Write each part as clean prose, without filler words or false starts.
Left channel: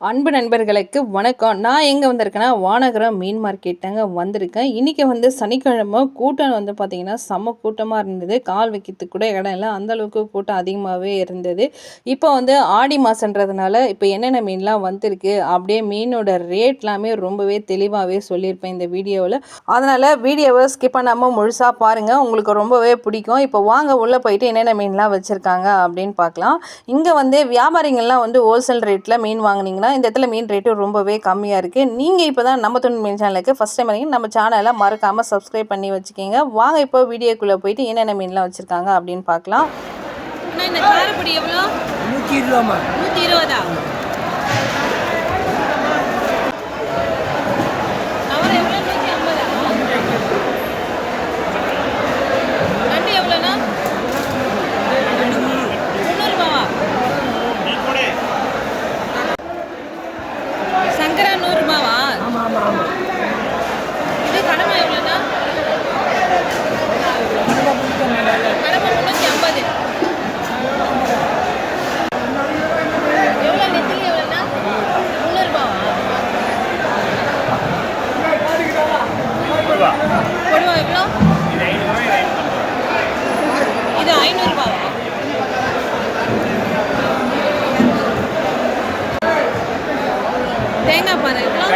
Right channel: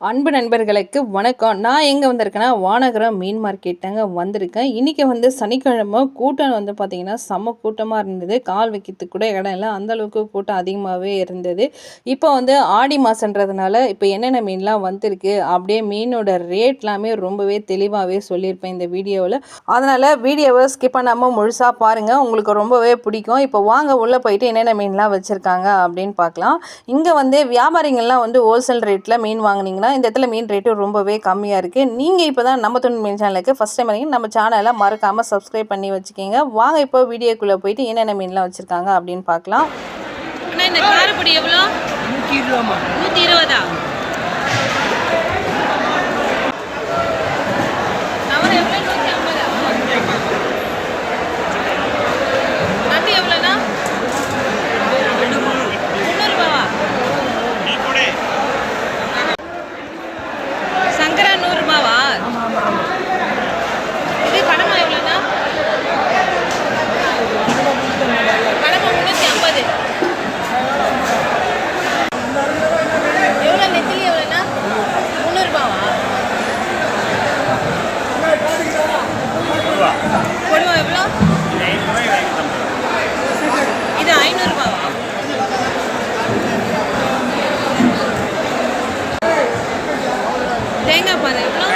அன்பு நண்பர்களுக்கு வணக்கம். நான் எங்கே வந்திருக்கேன்னா வானகரம் மீன் மார்க்கெட் தாங்க வந்திருக்கேன். இன்றைக்கி சனிக்கிழமை கூட்டம் பார்த்திங்கன்னா செம்ம கூட்டமாக இருந்தது. கால் வைக்கிறதுக்கு கூட இடம் இல்லை, அந்தளவுக்கு கூட்டம் அதிகமாகவே இருந்தது. இப்போ ஆடி மாதன்றதுனால இப்போ என்னென்ன மீன்லாம் வந்திருக்கு, அப்படியே மீனோட ரேட்லாமே ரொம்பவே தெளிவாகவே சொல்லியிருப்பேன் இந்த வீடியோவில். அதனால் வீடியோவை ஸ்கிப் பண்ணாமல் முழுசாக பாருங்கள், உங்களுக்கு ரொம்பவே பிடிக்கும். இப்போ வாங்க உள்ளே போயிட்டு என்னென்ன மீன்லாம் வச்சுருக்காங்க அப்படின்னு பார்க்கலாம். இங்கே வியாபாரிகள்லாம் ஹோல்சேல் ரேட்டில் மீன் வாங்கினீங்கன்னா இந்த இடத்துல மீன் ரேட்டு ரொம்பவே கம்மியாக இருக்குது. நீங்கள் இப்போ தான் நம்ம துணி மீன் சேனலுக்கு ஃபஸ்ட் டைம் வரீங்க, நம்ம சேனலை மறக்காமல் சப்ஸ்கிரைப் பண்ணி வச்சுக்கோங்க. வாங்க இப்போ வீடியோக்குள்ளே போயிட்டு என்னென்ன மீன்லாம் வச்சுருக்காங்க அப்படின்னு பார்க்கலாம். ஆனால் இந்த காரப்பொடி எவ்வளோ? 120. நவரம் எவ்வளோ? 150. நண்டு எவ்வளோண்ணா? 300 சங்கரா 100 இது கடமை எவ்வளோண்ணா? கடமை 350. எவ்வளோ நெத்திலி எவ்வளோண்ணா? 300 கொடுவா எவ்வளோ? இது 500 தேங்காய் பாறை எவ்வளோ?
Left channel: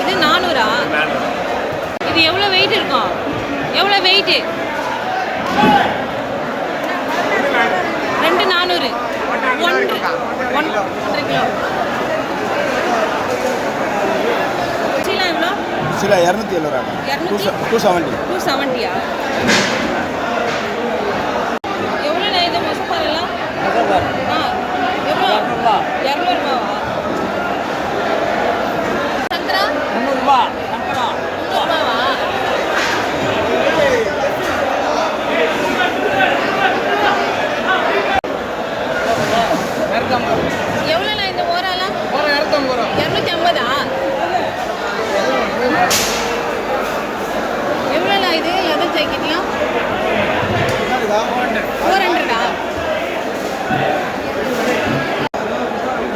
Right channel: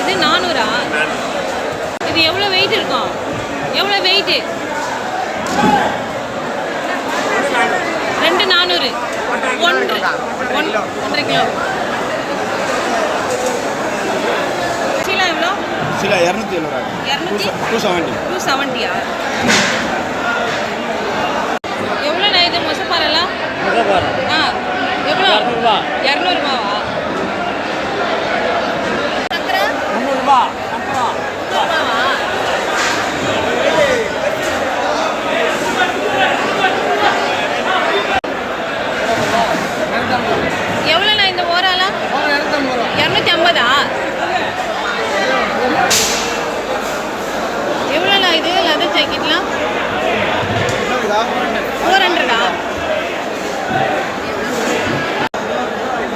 இது 400. இது எவ்வளோ வெயிட் இருக்கும்? எவ்வளோ வெயிட்டு? 2 400. 1.5 கிலோ. சீலா எவ்வளோ? சீலா 270. 270. எவ்வளோண்ணா இது மொசப்பாரெல்லாம்? ஆ எவ்வளோ? 200 சங்கரா 300. எவ்வளோண்ணா இந்த ஓராலாம்? 250. எவ்வளோண்ணா இது லெதர் ஜாக்கெட்லாம்? 400.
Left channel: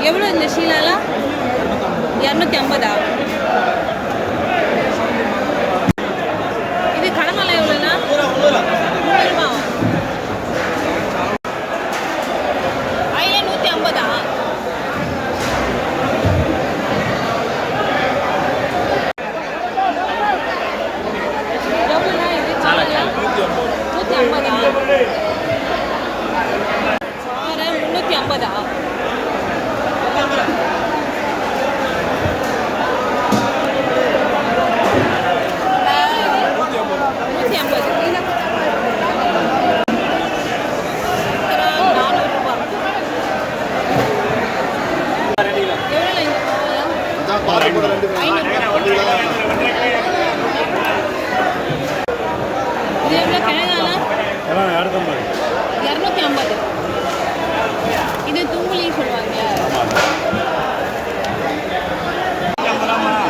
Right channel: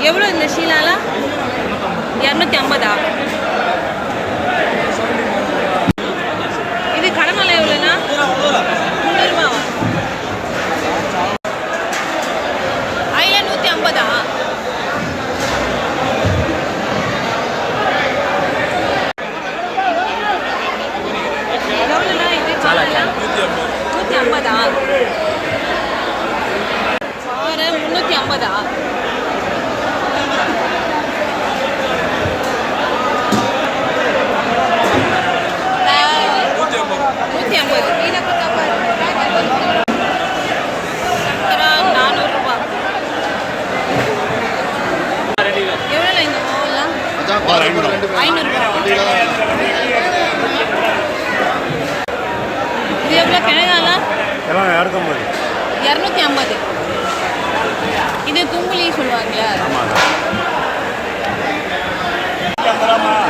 எவ்வளோ இந்த ஷீலாலாம்? 250. இது கடமலை எவ்வளோண்ணா? 300. ஐயா 150. எவ்வளோண்ணா இது காலெல்லாம்? 150. பாறை 350. சக்கரா 400. எவ்வளோ இந்த மாவுலாம்? 500. இது எவ்வளோ கிழங்காலாம்? 250. இது தும்புலி சொல்லுவாங்களா?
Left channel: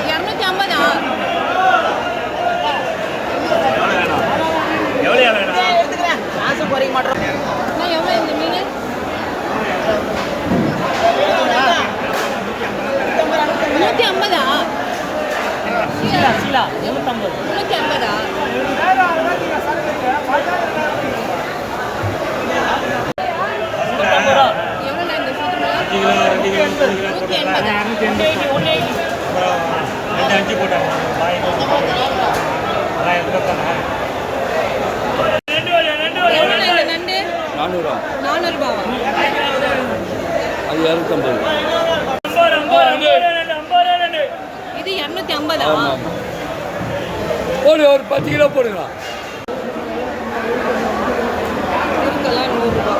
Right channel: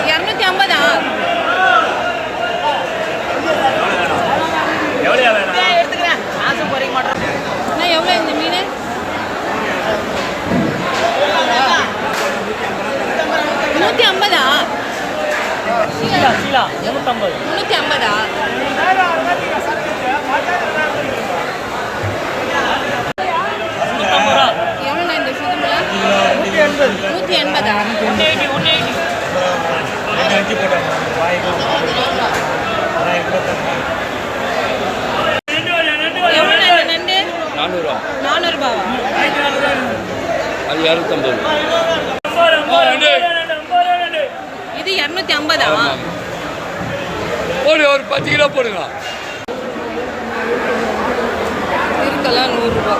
250. எவ்வளோ இந்த மீன்? 150. 150. எவ்வளோண்ணா இந்த சுத்தம்? 150. எவ்வளோண்ணா இந்த நண்டு? 400. அது 250. இது 250. ஒரு 10 கிலோ போடுங்க. இருக்கலாம் 100.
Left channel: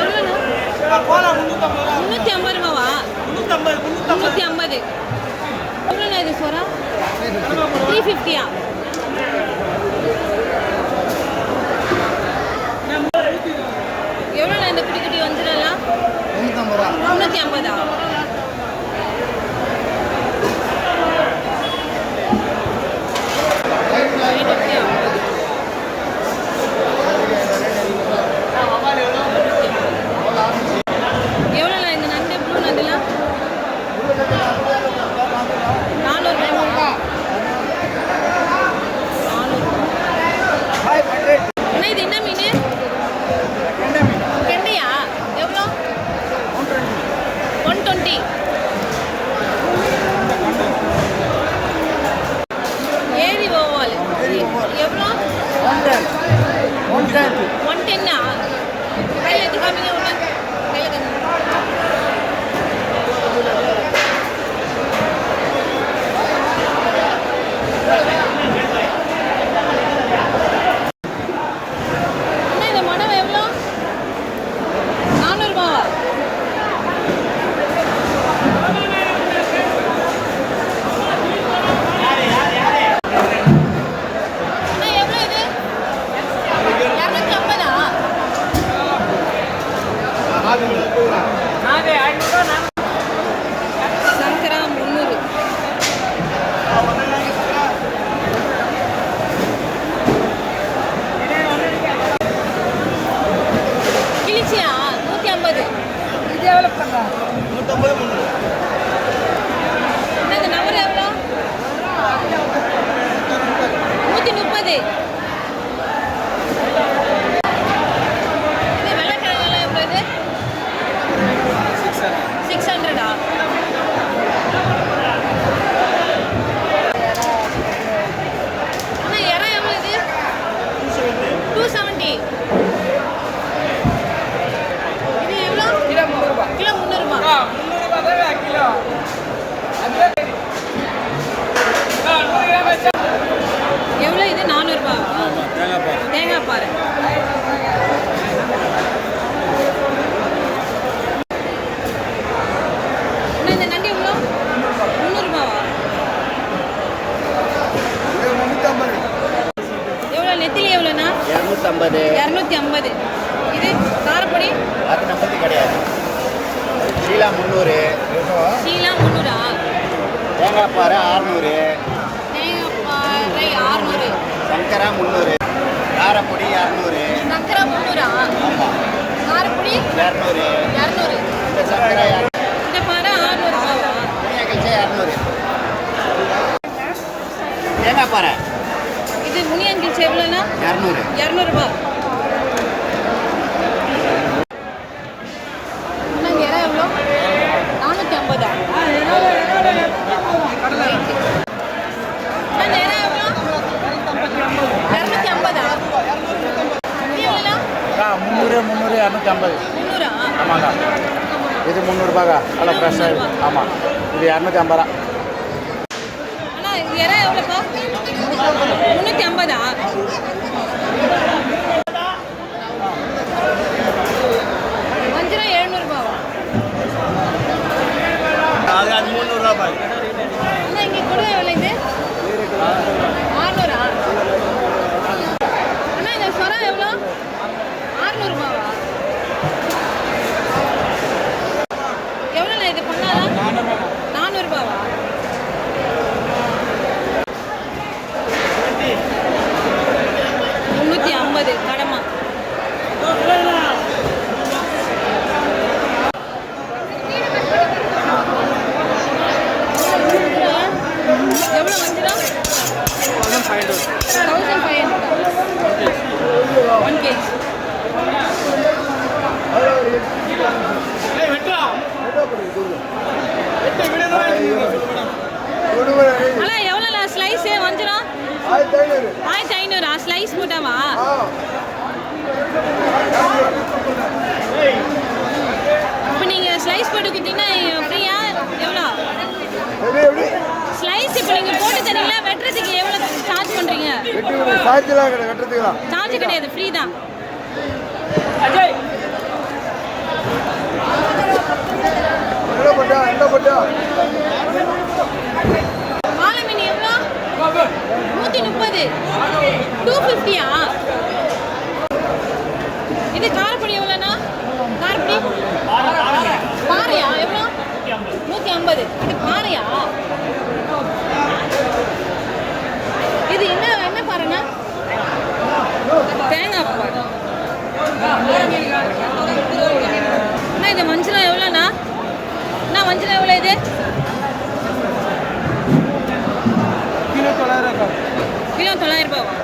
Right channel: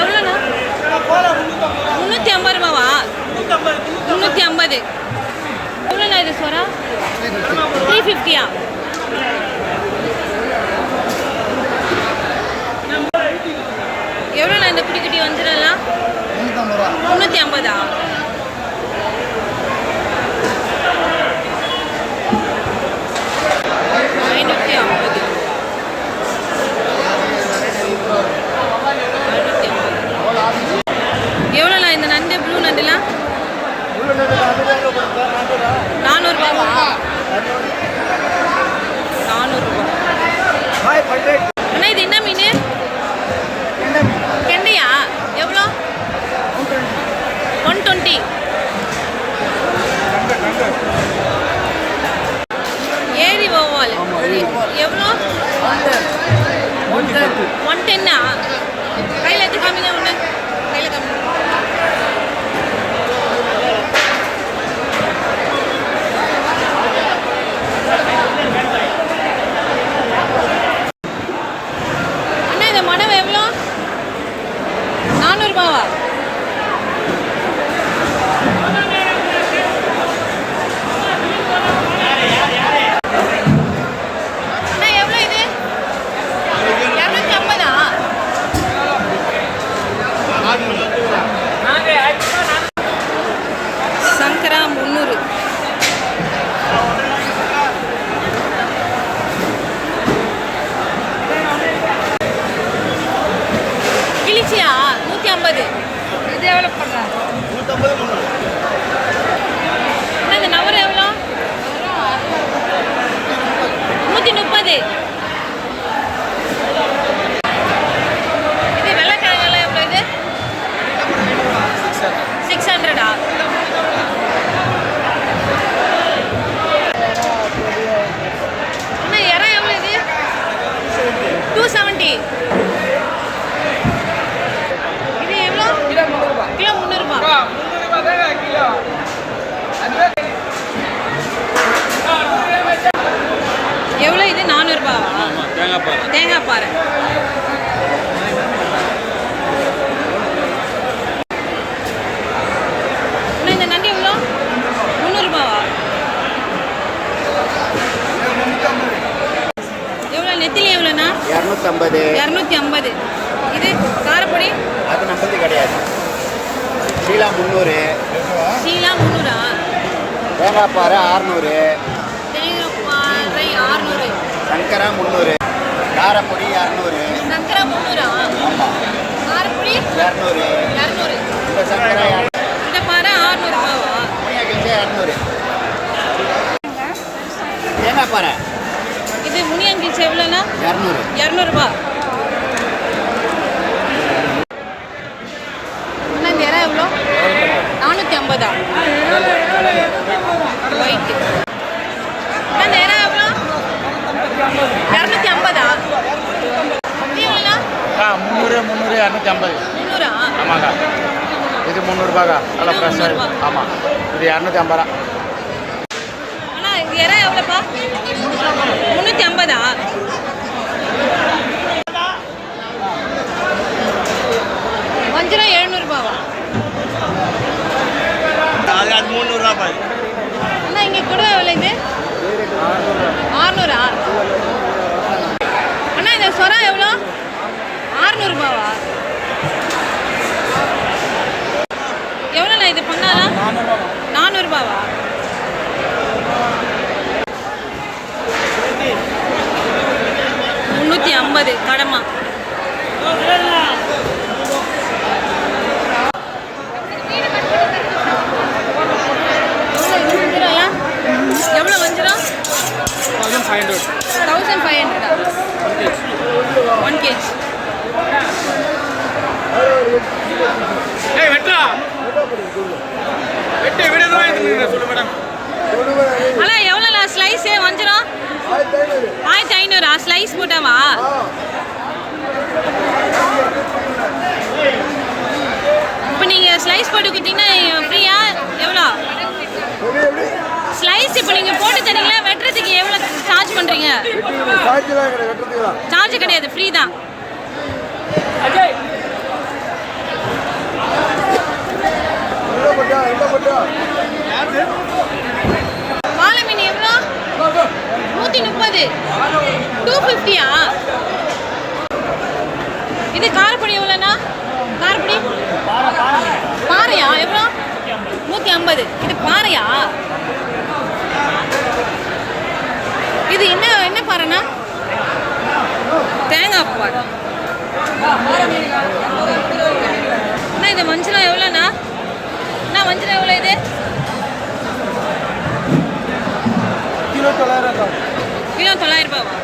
எவ்வளோண்ணா? 350. 350. எவ்வளோண்ணா இது சொரா? 350. எவ்வளோண்ணா இந்த குட்டி குட்டி வஞ்சிரம்லாம்? 350. 110 கையில் எடுத்து காமிங்க ஒன்று கையில் காமிங்க. அண்ணா இந்த மடவை எவ்வளோ? 400 ரூபாவா? அண்ணா எவ்வளோ இது? 250 சங்கரா 300. கிழிச்சியா 150. இது எவ்வளோ பண்ணுறா? 150 அண்ணா இந்த நவர் எவ்வளோ? 130. இது வெள்ளைக்கிழங்கெல்லாம் எவ்வளோ இது? 600. அண்ணா இறா எவ்வளோ இது? 270. இது எவ்வளோ? கிலோ 300 ரூபாய். எவ்வளோ இது? 400 ரூபாவா? தேங்காய் பாரு. அண்ணா இந்த நண்டு எவ்வளோ? 300 ரூபாவா? எவ்வளோ நெத்திலி எவ்வளோண்ணா? 250. 250. இது காரப்பொடி? அது நம்மளுக்கு கிடையாது. ஷீலா 300. ஷீலா 300. தேங்காய் பாறை 600. தேங்காய் பாறை 600. சங்கரா 300. காரப்பொடி 200. சக்கரை 300. ஆமாம். காரப்பொடி 200. 200. இந்த சங்கரா இந்த பாறை 600 ரூபாவா? 200. தேங்காய் பாறை இது முனியங்கிழ்ச்சி எவ்வளோண்ணா? 200. 200 ரூபா. அண்ணா இந்த இறா எவ்வளோ? 450. ஒயிட்டு. அண்ணா இந்த இறா எவ்வளோ? 250. இது எவ்வளோண்ணா? 300, 250. 300. ஆமாங்க. இது 300 நல்லா கிலோ ஃப்ரெஷ்ஷாக 300. ஆமாம். இது 250. அண்ணா இந்த இறா எவ்வளோப்பா? 350. வஞ்சிரம் 700 ரூபாவா? அது 300 அண்ணா இங்கே கொடுவா எவ்வளோ இது? 600. அண்ணா இந்த சொரா எவ்வளோ? 600 ரூபாவா? எவ்வளோண்ணா இது பண்ணாலாம்? 400 ரூபாவா? $350 கடமா. எவ்வளோ வஞ்சிரம்? 1500. 1 kg. அண்ணா எவ்வளோண்ணா ஸ்லைஸு வஞ்சிரம்? 1500. ஸ்லைஸ் போட்டாவா? இப்போ நீங்கள் ஸ்லைஸ் போட்டு கொடுத்தீங்கன்னா ஃப்ரீயா? எவ்வளோ ஸ்லைஸ் இப்போ நீங்கள் போட்டு தரீங்களா? வெட்டுறதுக்கு எவ்வளோ சார்ஜ் பண்ணுறீங்க? சார்ஜ் கிடையாது, ஃப்ரீ தான். வாழை மீன் எவ்வளோ? 130. 250. இது காரப்பொடி எவ்வளோண்ணா? காரப்பொடி பாறையா எவ்வளோ? 150. இது பாறையா? இது என்ன பாறைண்ணா? தேங்காய் பாறை. அண்ணா இது வஞ்சிரம் எவ்வளோண்ணா? அண்ணா வஞ்சிரம் எவ்வளோ இது? கிலோ 900. கிலோ 900 ரூபாவா?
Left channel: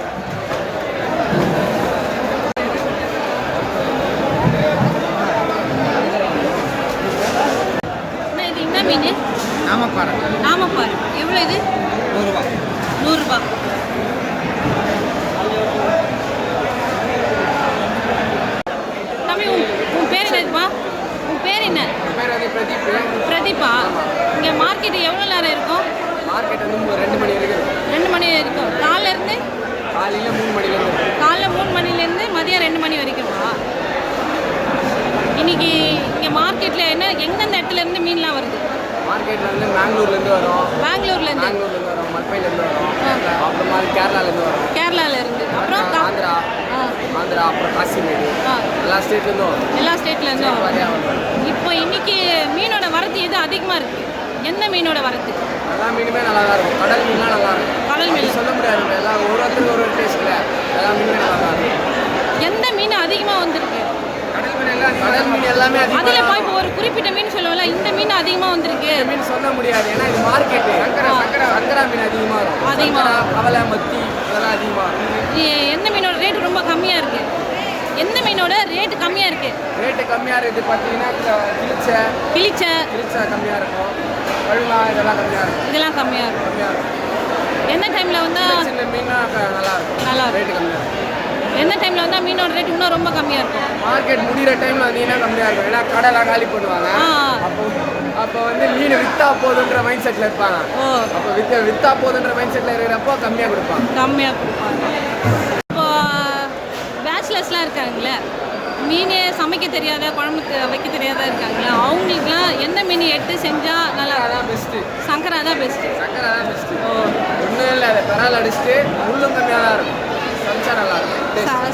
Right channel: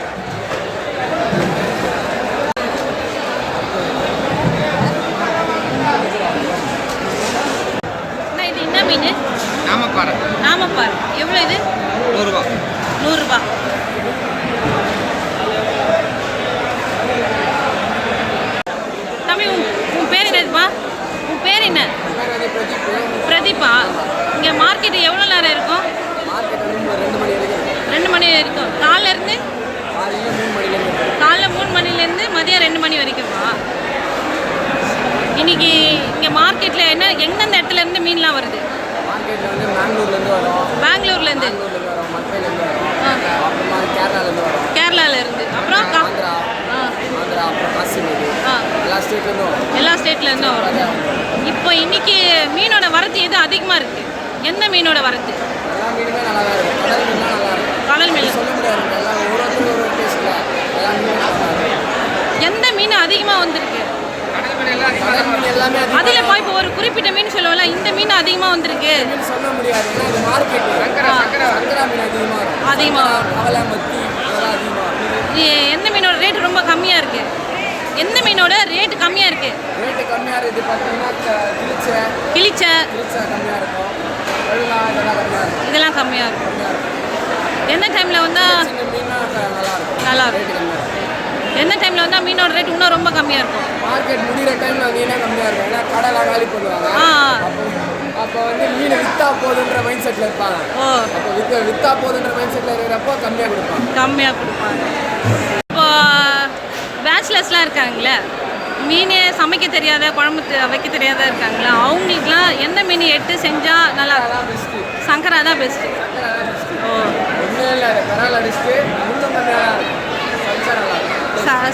அண்ணா இது என்ன மீன்? நாமப்பாறை. எவ்வளோ இது? 100 ரூபா. 100 ரூபா. மார்க்கெட் எவ்வளோ நேரம் இருக்கும்? மார்க்கெட் வந்து 2 மணி வரைக்கும் இருக்கும். 2 மணி இருக்கும். காலையிலேருந்து காலையில் 3 மணிலேருந்து காலைல 3 மணிலேருந்து மதியம் 2 மணி வரைக்குமா? இன்னைக்கு இங்கே மார்க்கெட்டில் எந்தெந்த இடத்துலேருந்து மீன்லாம் வருது? மார்க்கெட்டில் வந்து பெங்களூர்லேருந்து வரும், பெங்களூர்லேருந்து வரும், மல்பைலேருந்து வரும், அப்புறமா கேரளாலேருந்து வரும், கேரளாலேருந்து, அப்புறம் ஆந்திரா, அப்புறம் காசிமேடு, எல்லா ஸ்டேட்லேருந்து வரும். எல்லா ஸ்டேட்லேருந்தும் வரும். நிறையா வரும். இப்போ இன்னைக்கு மீனோட வரத்து எது அதிகமாக இருக்குது? எந்த மீனோட வரத்து? எல்லா மீனுமே நல்லா தான் இருக்கும். கடல் மீன்லாம் நல்லா இருக்கும். கடல் மீன் சொல்ல முடியாது, எல்லாம் ஒவ்வொருத்தருக்கு ஒரு டேஸ்ட்டில் எல்லா மீனுமே நல்லா தான் இருக்கும். எந்த மீன் அதிகமாக வந்திருக்கு? கடல் மீன் எல்லாமே அதில் போய் இப்போ ஒரு குறிப்பிட்ட மீன் சொல்லுவோம்ல, இந்த மீன் அதிகமாக வந்திருக்கு. மீன் சொல்ல முடியாது, ஏன்னா இது மார்க்கெட்டு. சங்கரா மீன் அதிகமாக வரும். அதிகமாக வரும். அவலை, மத்தி இதெல்லாம் அதிகமாக வரும். எந்த மீனோட ரேட் ரொம்ப கம்மியாக இருக்குது? எந்த மீனோட ரேட் கம்மியாக இருக்குது? ரேட்டு கம்மியாக இருக்குது பார்த்தீங்கன்னா கிளிச்ச கம்மியாக இருக்கும். வெள்ளா இதெல்லாம் கம்மியாக இருக்கும். இதெல்லாம் கம்மியாக இருக்கும். எந்த டைமில் வந்தால் சின்ன மீன்லாம் நல்லா இருக்கும். நல்லா இருக்கும். ரேட்டு கம்மியாக இருக்கும். எந்த டைமில் வந்தால் மீனோட ரேட் இன்னும் ரொம்ப கம்மியாக இருக்கும்? மார்க்கெட் முடிகிற டைமில் வந்தீங்கன்னா கம்மியாக இருக்கும். ஏன்னா கடைலாம் காலி பண்ணுவாங்க. அப்போ வந்து மீன் விற்றா போதுன்ற மைண்ட் செட்டில் இருப்பாங்க. அப்போ விற்றா போதுன்ற மைண்ட் செட்டில் இருக்கிறப்போ கம்மியாக கொடுப்பாங்க. இப்போ பேச்சுலர்ஸ்லாம் இருக்காங்களே, மீன் சமைக்க தெரியாத, குழம்பு வைக்க தெரியாத இருக்காங்களா, அவங்களுக்குலாம் எந்த மீன் எடுத்து செஞ்சால் நல்லா இருக்கும்? பெஸ்ட்டு சங்கரா தான் பெஸ்ட்டு. ஒன்றும் இல்லை, அதை பெறால் அடிச்சுட்டு முள்ளும் கம்மியாக தான் இருக்கும். சமைச்சா நல்லா இருக்கும்.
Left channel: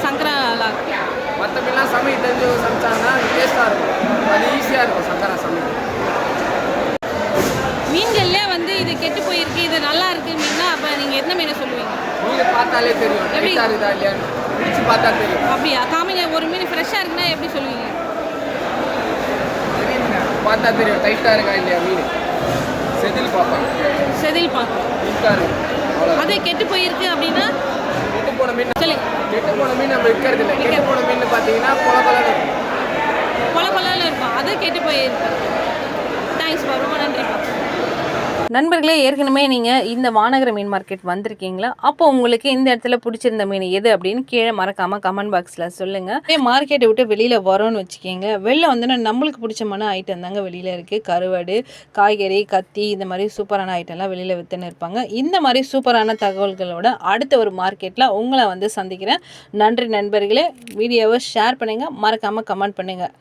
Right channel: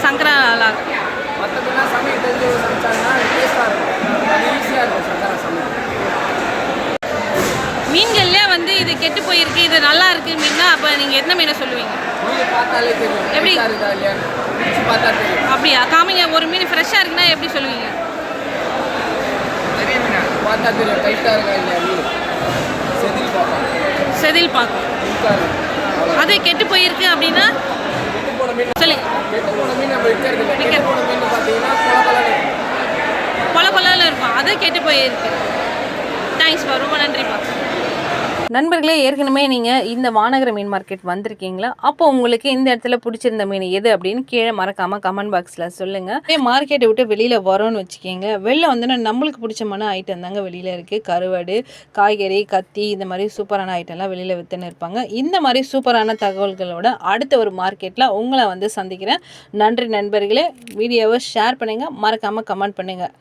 சங்கரா நல்லா இருக்கும். மற்ற மீன்லாம் சமைக்க தெரிஞ்சு சமைச்சாங்கன்னா டேஸ்ட்டாக இருக்கும். அது ஈஸியாக இருக்கும் சங்கரா சமைக்க. மீன்கள்லேயே வந்து இது கெட்டு போயிருக்கு, இது நல்லா இருக்கு மீன்னா, அப்போ நீங்கள் எந்த மீனை சொல்லுவீங்க? மீன் பார்த்தாலே தெரியும் எப்படி இருக்குதா இல்லையா, பிடிச்சி பார்த்தா தெரியும். அப்படியா? காமிங்க, ஒரு மீன் ஃப்ரெஷ்ஷாக இருக்குன்னா எப்படி சொல்லுவீங்க? பார்த்தா தெரியும் டைட்டாக இருக்கா இல்லையா மீன். செதில் பார்க்கும். அது கெட்டு போயிருக்கு அப்படின்னா கெட்டு போன மீன் சொல்லுங்க. கெட்டு போன மீன் நம்ம விற்கிறது இல்லை. கெட்டு போன மீன் பார்த்தீங்கன்னா கொல கொலன்னு இருக்கும், அது கெட்டு போயிருக்கு. தேங்க்ஸ்ப்பா, ரொம்ப நன்றிப்பா. நண்பர்களே, ஏற்கனவே நீங்கள் இந்த வானகர மீன் மார்க்கெட் வந்திருக்கீங்களா? அப்போ உங்களுக்கு இந்த இடத்துல பிடிச்சிருந்த மீன் எது அப்படின்னு கீழே மறக்காமல் கமெண்ட் பாக்ஸில் சொல்லுங்கள். மார்க்கெட்டை விட்டு வெளியில் வரோன்னு வச்சுக்கிங்க, வெளில வந்து நம்மளுக்கு பிடிச்சமான ஐட்டம் தாங்க வெளியில் இருக்குது. கருவாடு, காய்கறி, கத்தி, இந்த மாதிரி சூப்பரான ஐட்டம்லாம் வெளியில் விற்றுன்னு இருப்பாங்க. இந்த மாதிரி சூப்பரான தகவல்களோட அடுத்த ஒரு மார்க்கெட்டில் உங்களை வந்து சந்திக்கிறேன். நன்றி நண்பர்களே. வீடியோவை ஷேர் பண்ணுங்கள், மறக்காமல் கமெண்ட் பண்ணுங்கள்.